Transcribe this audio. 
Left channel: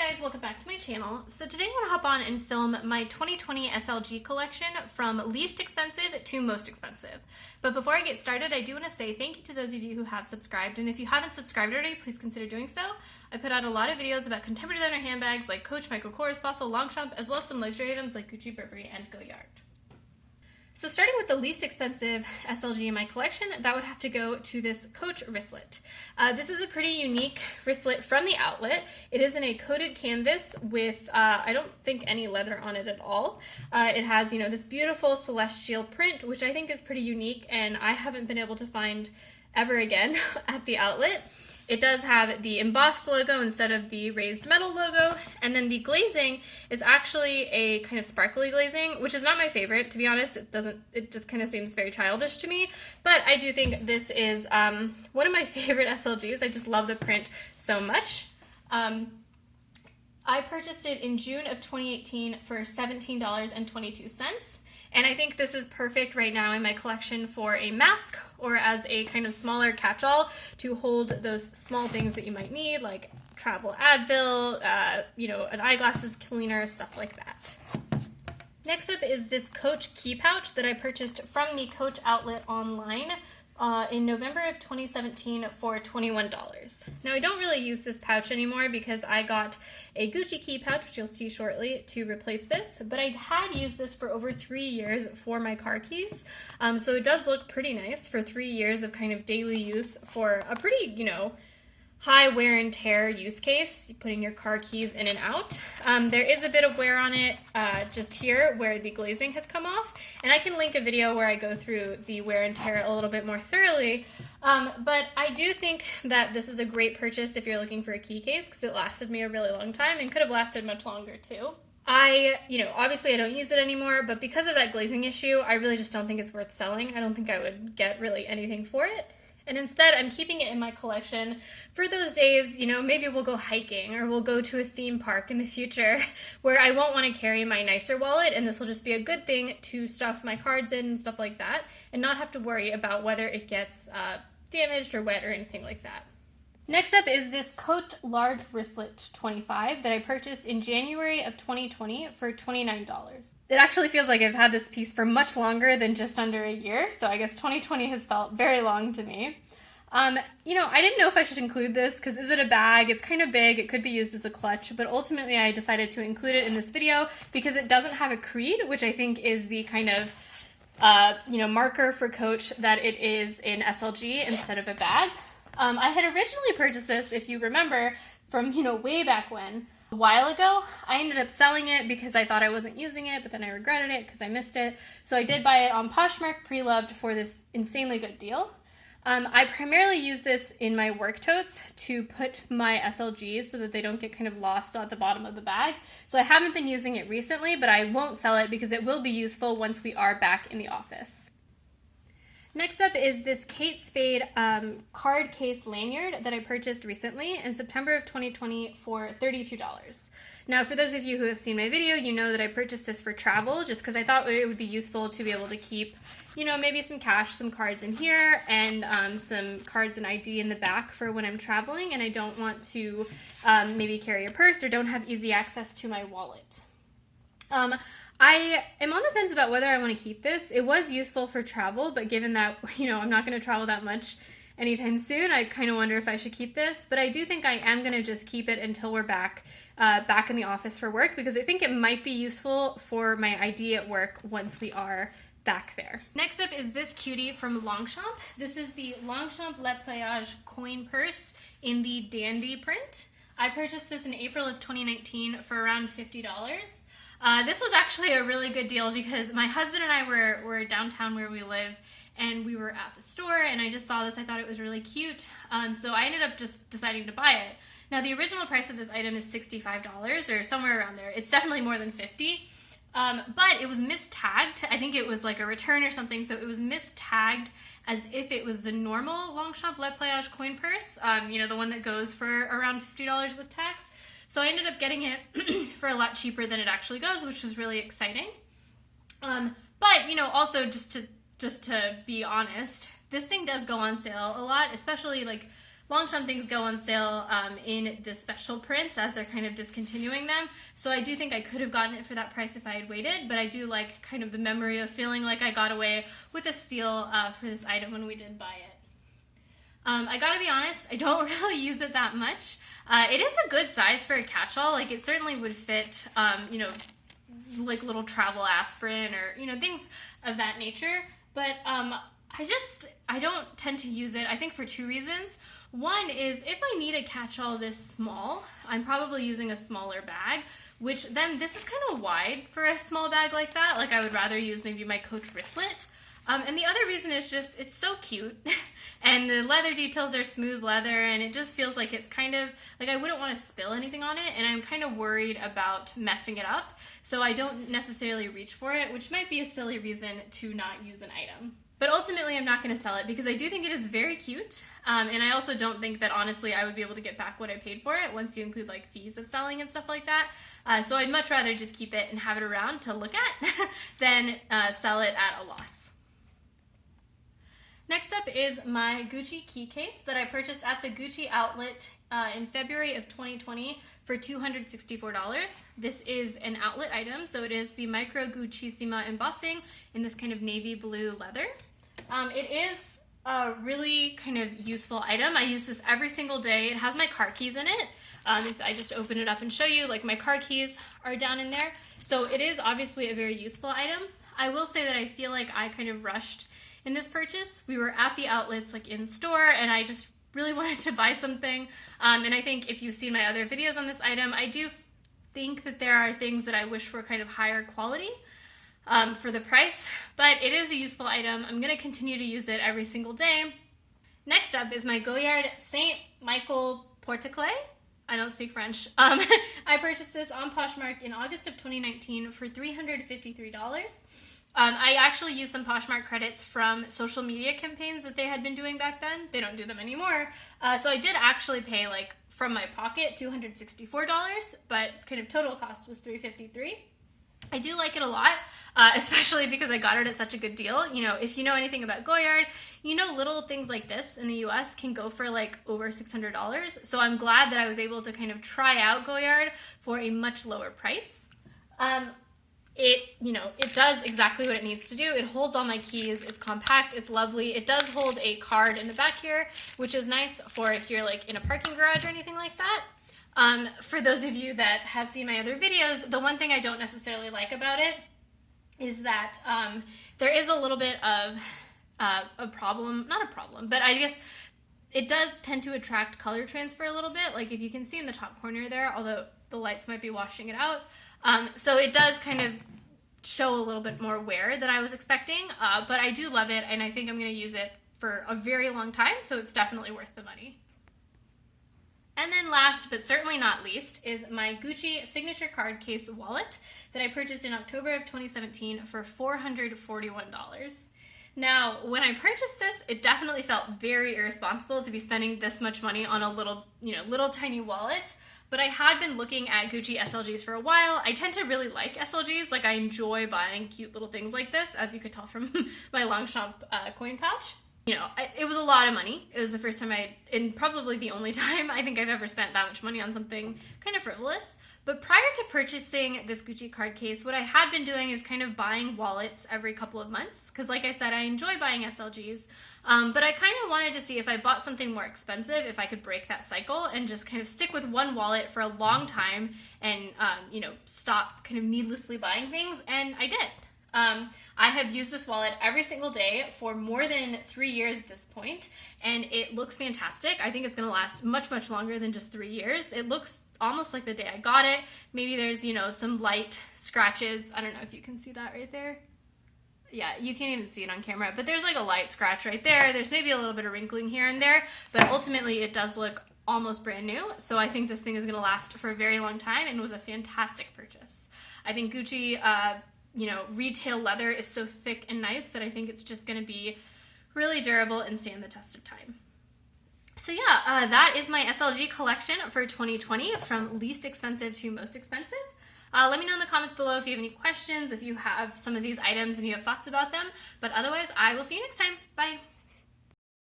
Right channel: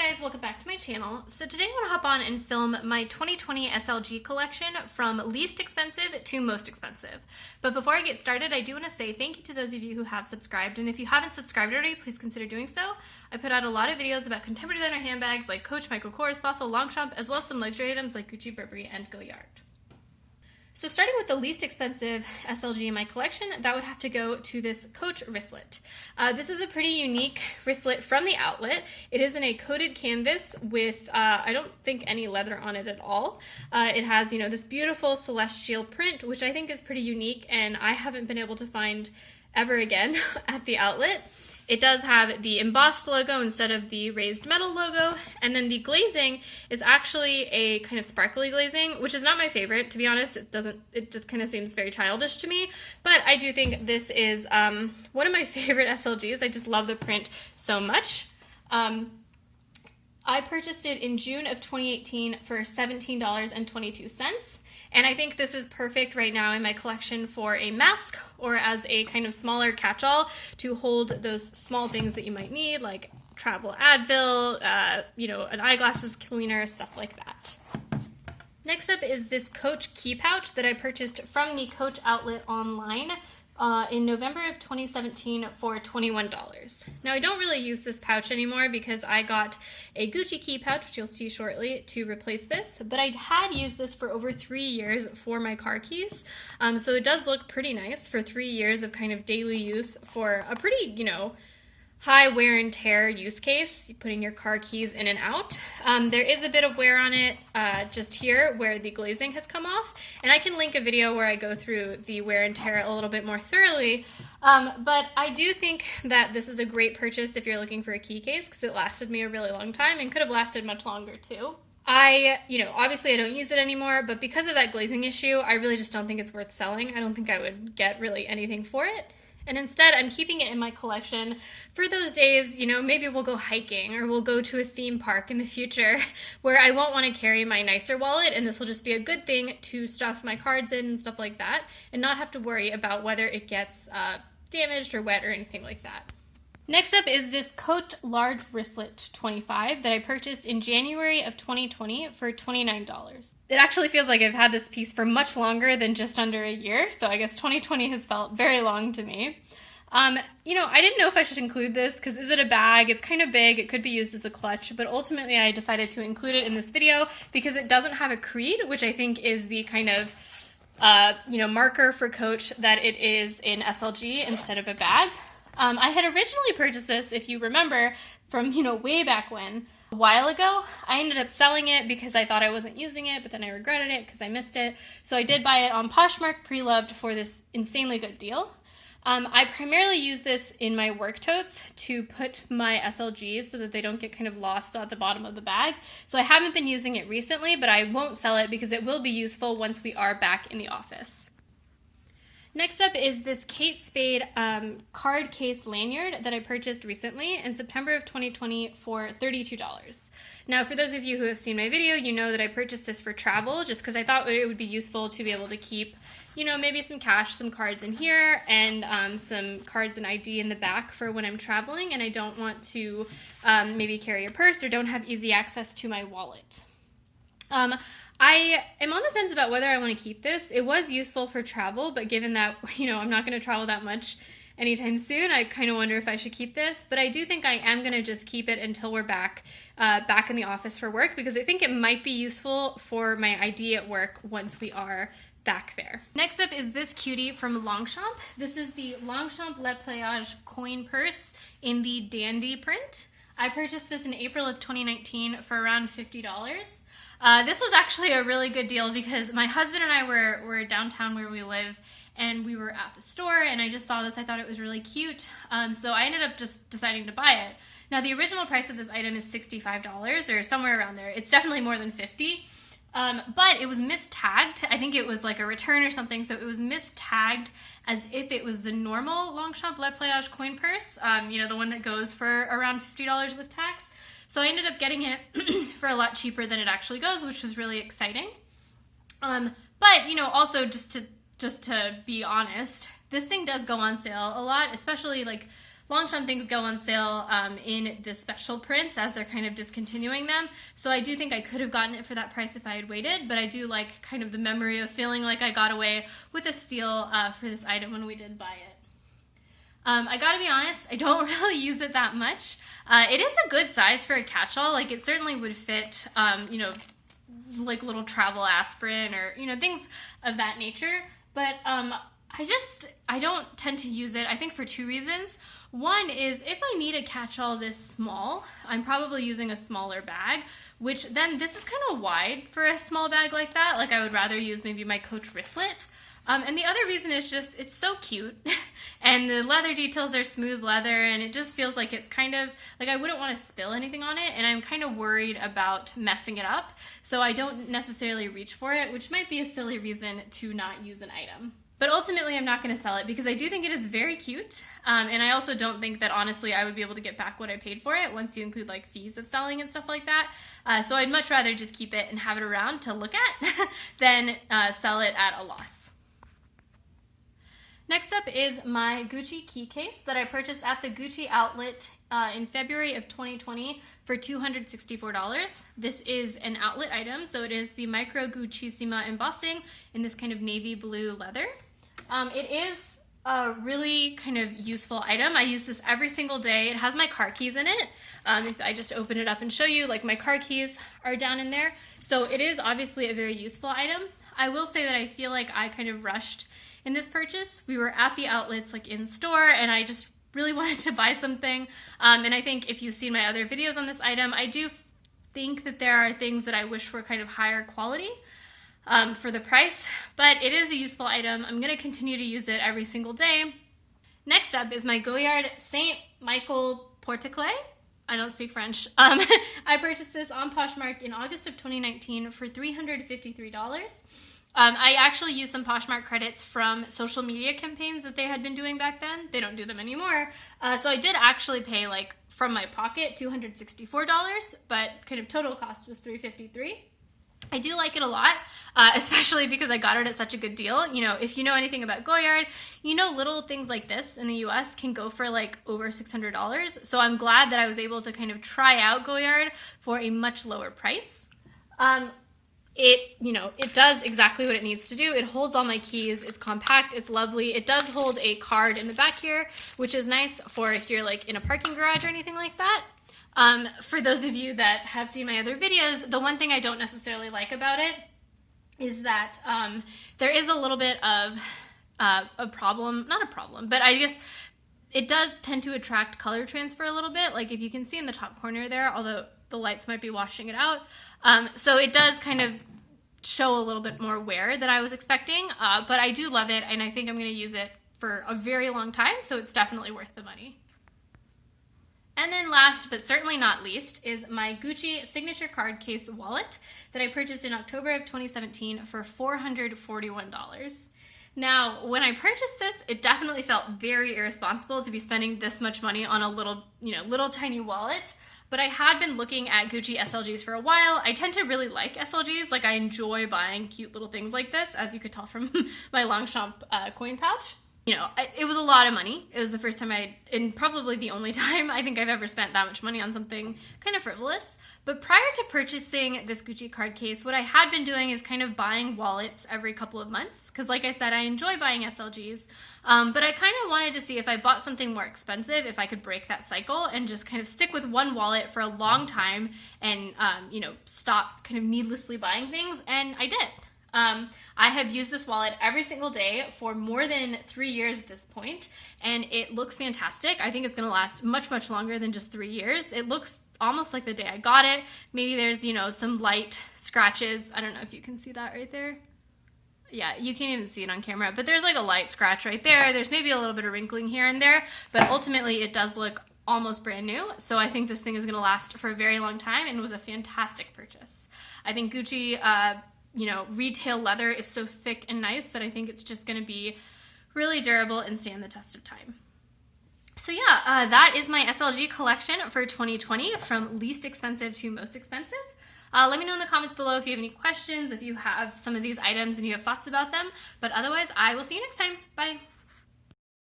Guys, welcome back to my channel. So today I want to hop on and film my 2020 SLG collection from least expensive to most expensive. But before I get started, I do want to say thank you to those of you who have subscribed, and if you haven't subscribed already, please consider doing so. I put out a lot of videos about contemporary designer handbags like Coach, Michael Kors, Fossil, Longchamp, as well as some luxury items like Gucci, Burberry, and Goyard. So starting with the least expensive SLG in my collection, that would have to go to this Coach wristlet. This is a pretty unique wristlet from the outlet. It is in a coated canvas with, I don't think any leather on it at all. It has, this beautiful celestial print, which I think is pretty unique and I haven't been able to find ever again at the outlet. It does have the embossed logo instead of the raised metal logo, and then the glazing is actually a kind of sparkly glazing, which is not my favorite, to be honest. It just kind of seems very childish to me, but I do think this is one of my favorite SLGs. I just love the print so much. I purchased it in June of 2018 for $17.22. And I think this is perfect right now in my collection for a mask or as a kind of smaller catch-all to hold those small things that you might need, like travel Advil, an eyeglasses cleaner, stuff like that. Next up is this Coach key pouch that I purchased from the Coach outlet online in November of 2017 for $21. Now I don't really use this pouch anymore because I got a Gucci key pouch, which you'll see shortly, to replace this, but I had used this for over 3 years for my car keys. So it does look pretty nice for 3 years of kind of daily use for a pretty, high wear and tear use case, putting your car keys in and out. There is a bit of wear on it just here where the glazing has come off, and I can link a video where I go through the wear and tear a little bit more thoroughly, but I do think that this is a great purchase if you're looking for a key case because it lasted me a really long time and could have lasted much longer too. Obviously I don't use it anymore, but because of that glazing issue, I really just don't think it's worth selling. I don't think I would get really anything for it. And instead, I'm keeping it in my collection for those days, maybe we'll go hiking or we'll go to a theme park in the future where I won't want to carry my nicer wallet, and this will just be a good thing to stuff my cards in and stuff like that and not have to worry about whether it gets damaged or wet or anything like that. Next up is this Coach large wristlet 25 that I purchased in January of 2020 for $29. It actually feels like I've had this piece for much longer than just under a year, so I guess 2020 has felt very long to me. I didn't know if I should include this because is it a bag? It's kind of big, it could be used as a clutch, but ultimately I decided to include it in this video because it doesn't have a creed, which I think is the kind of marker for Coach that it is in SLG instead of a bag. I had originally purchased this, if you remember, from, way back when. A while ago, I ended up selling it because I thought I wasn't using it, but then I regretted it because I missed it. So I did buy it on Poshmark pre-loved for this insanely good deal. I primarily use this in my work totes to put my SLGs so that they don't get kind of lost at the bottom of the bag. So I haven't been using it recently, but I won't sell it because it will be useful once we are back in the office. Next up is this Spade card case lanyard that I purchased recently in September of 2020 for $32. Now, for those of you who have seen my video, you know that I purchased this for travel just because I thought it would be useful to be able to keep, maybe some cash, some cards in here, and some cards and ID in the back for when I'm traveling and I don't want to maybe carry a purse or don't have easy access to my wallet. I am on the fence about whether I want to keep this. It was useful for travel, but given that, I'm not going to travel that much anytime soon, I kind of wonder if I should keep this. But I do think I am going to just keep it until we're back in the office for work because I think it might be useful for my ID at work once we are back there. Next up is this cutie from Longchamp. This is the Longchamp Le Plage coin purse in the Dandy print. I purchased this in April of 2019 for around $50. This was actually a really good deal because my husband and I were downtown where we live and we were at the store and I just saw this. I thought it was really cute. So I ended up just deciding to buy it. Now the original price of this item is $65 or somewhere around there. It's definitely more than $50. But it was mistagged. I think it was like a return or something. So it was mistagged as if it was the normal Longchamp Le Plage coin purse. The one that goes for around $50 with tax. So I ended up getting it for a lot cheaper than it actually goes, which was really exciting. But also just to be honest, this thing does go on sale a lot, especially like Longchamp things go on sale in the special prints as they're kind of discontinuing them. So I do think I could have gotten it for that price if I had waited, but I do like kind of the memory of feeling like I got away with a steal for this item when we did buy it. I gotta be honest, I don't really use it that much. It is a good size for a catch-all. Like, it certainly would fit, you know, like little travel aspirin or, you know, things of that nature. But I don't tend to use it, I think, for two reasons. One is if I need a catch-all this small, I'm probably using a smaller bag, which then this is kind of wide for a small bag like that. Like, I would rather use maybe my Coach Wristlet. And the other reason is just it's so cute, and the leather details are smooth leather, and it just feels like it's kind of like I wouldn't want to spill anything on it, and I'm kind of worried about messing it up, so I don't necessarily reach for it, which might be a silly reason to not use an item. But ultimately, I'm not going to sell it because I do think it is very cute, and I also don't think that, honestly, I would be able to get back what I paid for it once you include, like, fees of selling and stuff like that. So I'd much rather just keep it and have it around to look at than sell it at a loss. Next up is my Gucci key case that I purchased at the Gucci outlet in February of 2020 for $264. This is an outlet item, so it is the Micro Guccissima embossing in this kind of navy blue leather. It is a really kind of useful item. I use this every single day. It has my car keys in it. If I just open it up and show you, like, my car keys are down in there. So it is obviously a very useful item. I will say that I feel like I kind of rushed in this purchase. We were at the outlets, like, in store, and I just really wanted to buy something. And I think if you've seen my other videos on this item, I do think that there are things that I wish were kind of higher quality for the price, but it is a useful item. I'm going to continue to use it every single day. Next up is my Goyard Saint Michael Porte-Clés. I don't speak French. I purchased this on Poshmark in August of 2019 for $353. I actually used some Poshmark credits from social media campaigns that they had been doing back then. They don't do them anymore. So I did actually pay, like, from my pocket, $264, but kind of total cost was $353. I do like it a lot, especially because I got it at such a good deal. You know, if you know anything about Goyard, you know little things like this in the US can go for like over $600. So I'm glad that I was able to kind of try out Goyard for a much lower price. It does exactly what it needs to do. It holds all my keys. It's compact. It's lovely. It does hold a card in the back here, which is nice for if you're like in a parking garage or anything like that. For those of you that have seen my other videos, the one thing I don't necessarily like about it is that there is a little bit of a problem, not a problem, but I guess it does tend to attract color transfer a little bit. Like if you can see in the top corner there, although the lights might be washing it out. So it does kind of show a little bit more wear than I was expecting, but I do love it, and I think I'm going to use it for a very long time, so it's definitely worth the money. And then last, but certainly not least, is my Gucci signature card case wallet that I purchased in October of 2017 for $441. Now, when I purchased this, it definitely felt very irresponsible to be spending this much money on a little tiny wallet. But I had been looking at Gucci SLGs for a while. I tend to really like SLGs. Like, I enjoy buying cute little things like this, as you could tell from my Longchamp coin pouch. You know, it was a lot of money. It was the first time and probably the only time I think I've ever spent that much money on something kind of frivolous. But prior to purchasing this Gucci card case, what I had been doing is kind of buying wallets every couple of months. Because like I said, I enjoy buying SLGs. But I kind of wanted to see if I bought something more expensive, if I could break that cycle and just kind of stick with one wallet for a long time and, stop kind of needlessly buying things. And I did. I have used this wallet every single day for more than 3 years at this point, and it looks fantastic. I think it's going to last much, much longer than just 3 years. It looks almost like the day I got it. Maybe there's, some light scratches. I don't know if you can see that right there. Yeah, you can't even see it on camera, but there's like a light scratch right there. There's maybe a little bit of wrinkling here and there, but ultimately it does look almost brand new. So I think this thing is going to last for a very long time, and was a fantastic purchase. I think Gucci, retail leather is so thick and nice that I think it's just going to be really durable and stand the test of time. So yeah, that is my SLG collection for 2020, from least expensive to most expensive. Let me know in the comments below if you have any questions, if you have some of these items and you have thoughts about them. But otherwise, I will see you next time. Bye.